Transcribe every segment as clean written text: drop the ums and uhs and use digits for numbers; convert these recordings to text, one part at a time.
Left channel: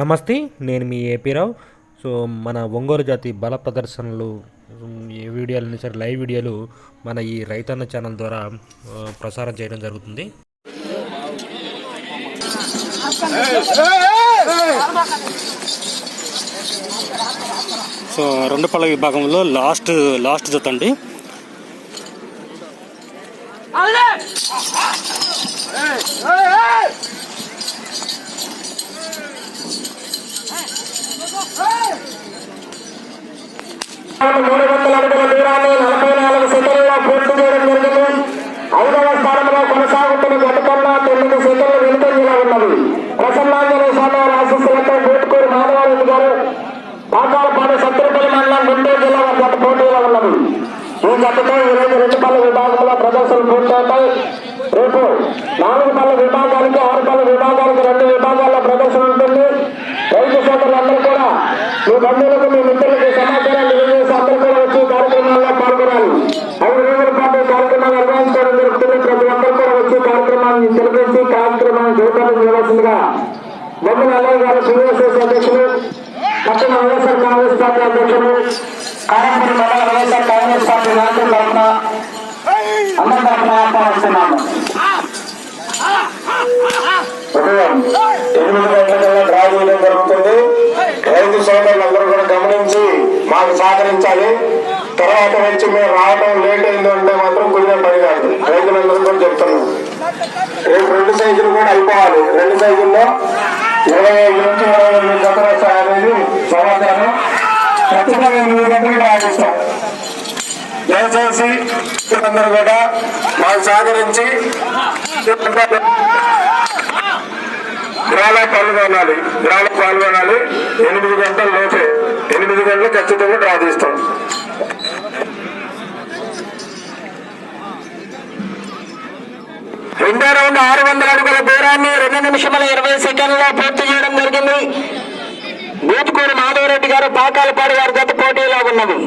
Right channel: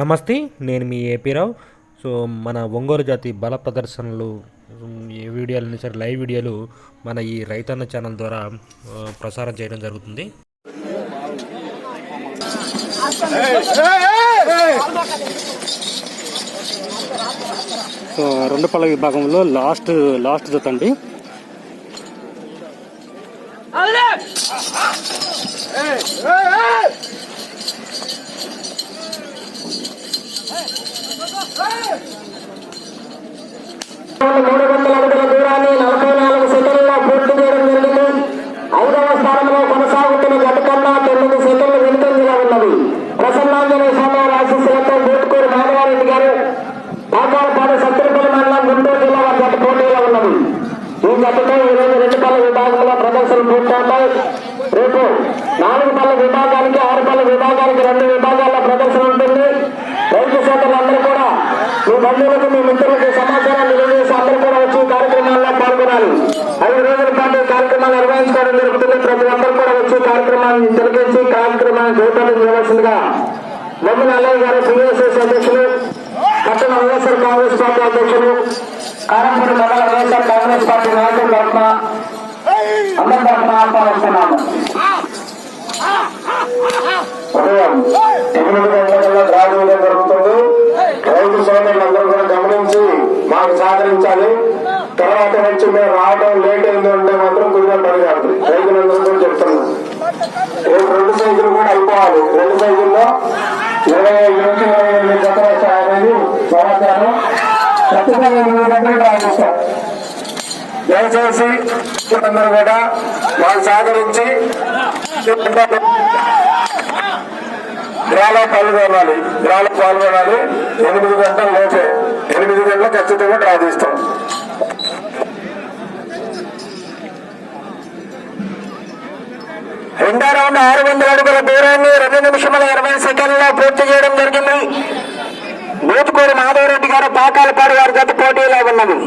నమస్తే, నేను మీ ఏపీరావు. సో మన ఒంగోలు జాతి బల ప్రదర్శనలు ఈ వీడియోలని సరే లైవ్ వీడియోలు మన ఈ రైతన్న ఛానల్ ద్వారా ప్రసారం చేయడం జరుగుతుంది. సో రెండు పళ్ళ విభాగంలో లాస్ట్ జత అండి. కారంపూడి మండల వైఎస్ఆర్ కాంగ్రెస్ పార్టీ నాయకుల తరఫున అందరి తరఫున ఆహ్వానిస్తున్నాము. ఉదయం 8 గంటల డ్రా చేయడం జరుగుతుంది. రైతు సోదరులందరూ కూడా గమనించి మాకు సహకరించాలి. తర్వాత వచ్చి మేము రావడం లేట్ అయింది అంటే మాత్రం కుదిరే పని కాదు. రైతులందరూ కూడా చెప్తున్నాం, రేపు 2 సైజులు కూడా అయిపోవాలి. 2 సైజుల్లో 25 నుంచి 28 జతలు అనేది సమాచారం. ఖచ్చితంగా 8 గంటలకు డ్రా చేస్తాం. దయచేసి అందరూ కూడా మాకు సహకరించి డ్రాలో పాల్గొనాలి. 8 గంటల లోపే 8 గంటలు ఖచ్చితంగా డ్రా తీస్తాం. రెండో రౌండ్ 600 అడుగుల దూరాన్ని 2 నిమిషముల 20 సెకండ్లో పూర్తి చేయడం జరిగింది. బూతుకూరు మాధవరెడ్డి గారు పాకాలపాడు వారి గత పోటీలో ఉన్నది.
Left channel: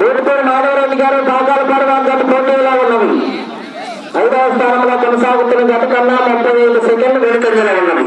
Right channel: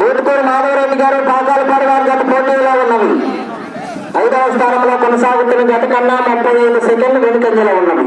బూతుకూరు మాధవరెడ్డి గారు పాకాలపాడు వారి గత పోటీలో ఉన్నది. 5వ స్థానంలో కొనసాగుతున్న గత కన్నా 35 సెకండ్లు వెనుకంజలో ఉన్నది.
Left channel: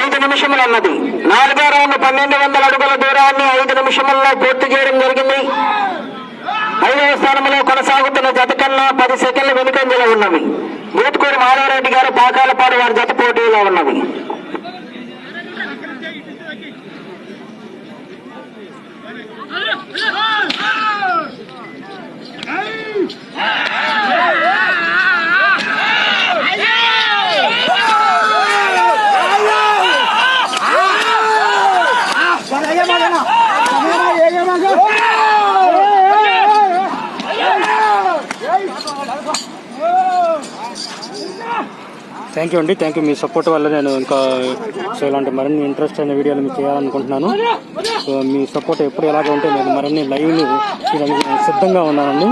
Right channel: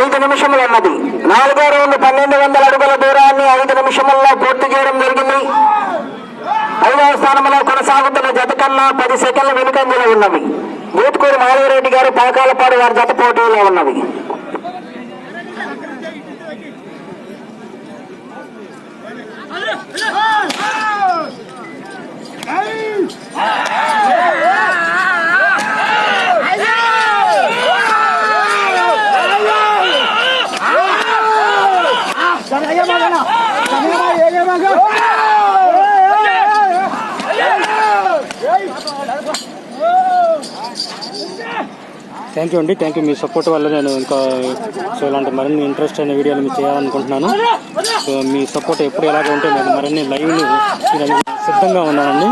ఐదు నిమిషములు అన్నది. 4వ రౌండ్ 1200 అడుగుల దూరాన్ని 5 నిమిషముల్లో పూర్తి చేయడం జరిగింది. 5వ స్థానంలో కొనసాగుతున్న జత కన్నా 10 సెకండ్ల వెనుకంజలో ఉన్నవి. బూతుకూరు మాధవరెడ్డి గారు పాకాలపాడు వారి జత పోటీలో ఉన్నవి. థ్యాంక్ యూ అండి, థ్యాంక్ యూ. మీ సపోర్ట్ వల్ల నేను ఇంకా సో ఇలాంటి మరిన్ని ఇంట్రెస్ట్ అయిన వీడియోలు మీకు చేయాలనుకుంటున్నాను. సో మీ సపోర్ట్ ఎప్పుడు ఎలాగ ఉంటే నేను మరిన్ని లైవ్లు సిద్ధంగా ఉన్నానండి.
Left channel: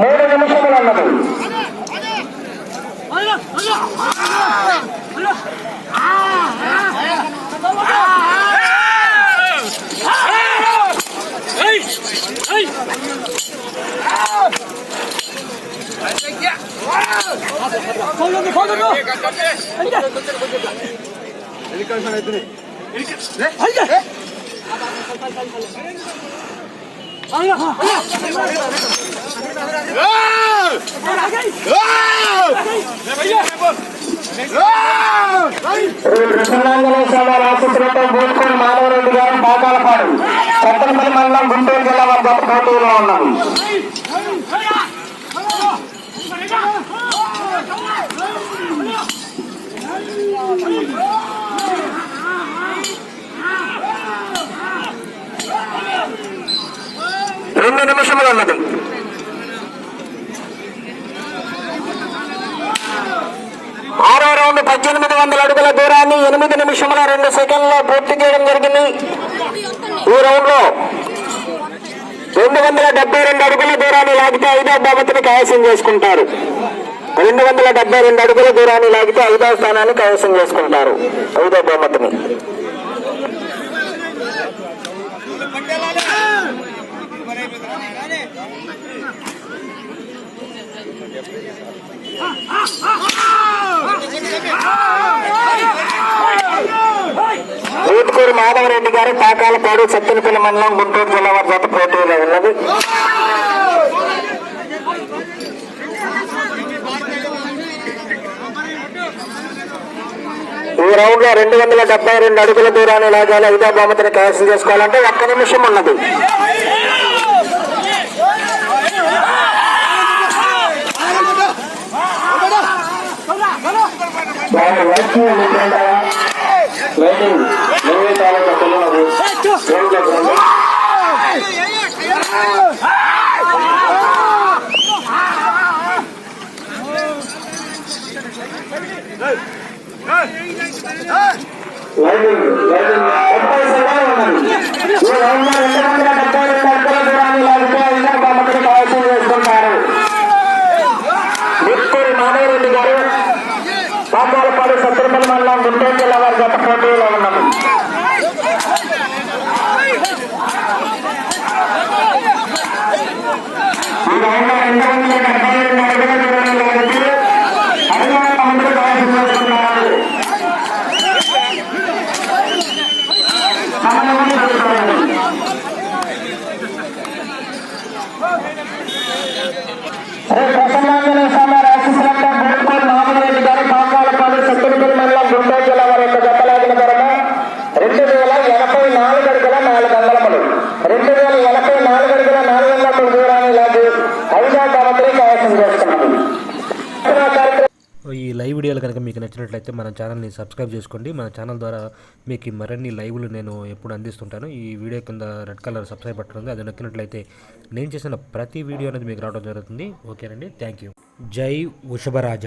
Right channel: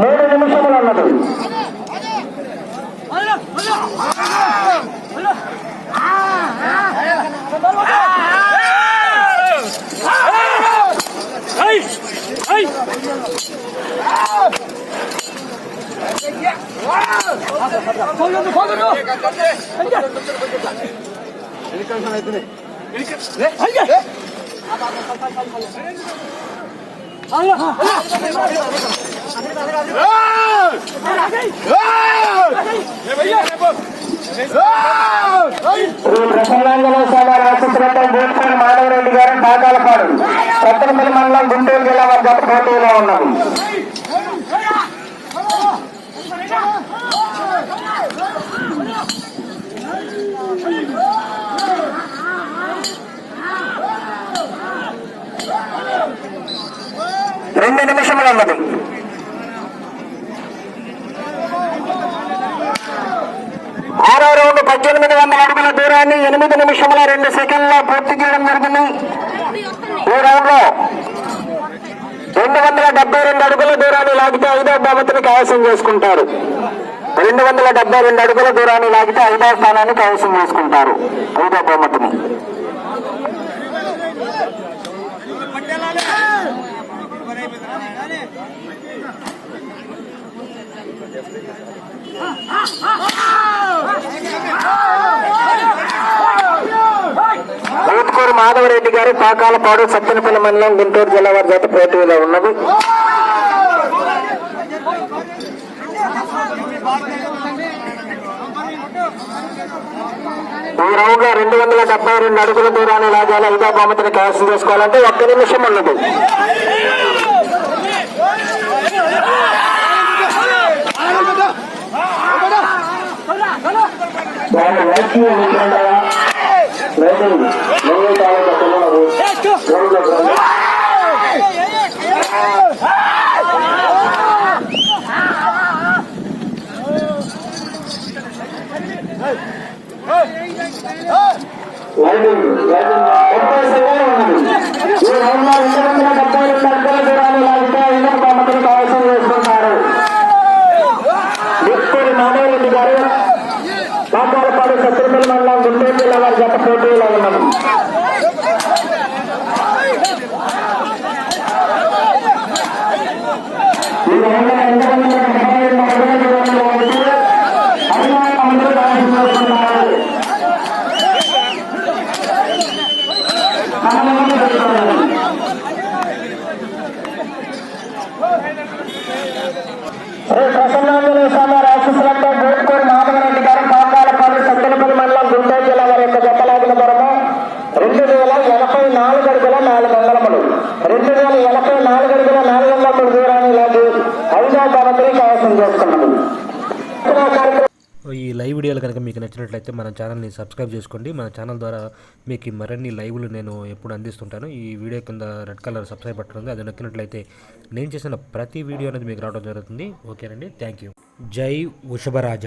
3 నిమిషములు అన్నది. ప్రసన్నాంజనేయ స్వామి ఆశీస్సులతో బూత్కూరు మాధవరెడ్డి గారు పాకాలపాడు సత్తెనపల్లి మండలం గుంటూరు జిల్లా వారి జత పోటీలో ఉన్నది. రెండు నిమిషములు అన్నది. ఆరో రౌండ్ 1800 అడుగుల దూరాన్ని 8 నిమిషముల 2 సెకండ్లో పూర్తి చేయడం జరిగింది. ఈ రౌండ్ లో 272 అడుగుల దూరాన్ని లాగితే 5వ బహుమతిని కైవసం చేసుకుంటారు. 272 అడుగుల దూరాన్ని లాగితే 5వ స్థానాన్ని కైవసం చేసుకుంటారు. 5వ బహుమతిని బూత్కూరు మాధవరెడ్డి గారు పాకాలపాడు సత్తెనపల్లి మండలం గుంటూరు జిల్లా వారి జత పోటీలో ఉన్నది. ఈ రౌండ్ లో 272 అడుగుల దూరాన్ని లాగాలి. 5వ బహుమతిని కైవసం చేసుకోవాలంటే 1 నిమిషం ఉన్నది. ప్రసన్నాంజనేయ స్వామి ఆశీస్సులతో బూత్కూరు మాధవరెడ్డి గారు పాకాలపాడు సత్తెనపల్లి మండలం గుంటూరు జిల్లా వారి యొక్క జతలాగిన ధరమ 2084 అడుగుల 400 2084 అడుగుల 400 దూరాన్ని లాగి 5వ బహుమతిని కైవసం చేసుకున్నది. ఈ లైవ్ వీడియోలు కనుక మీకు నచ్చినట్లయితే మన ఛానల్ని సబ్స్క్రైబ్ చేసుకోండి. మన ఛానల్ ద్వారా మీకు మరిన్ని లైవ్లు నేను ఎప్పుడు అందిస్తుంటాను. ఈ వీడియో కింద రెడ్ కలర్ సబ్స్క్రైబ్ బటన్ ఉంది, అది నొక్కినట్లయితే నేను చేసిన ప్రతి వీడియో అనేది మీకు రావడం జరుగుతుంది. ఓకేనండి, థ్యాంక్ యూ. జై వృషభరాజ.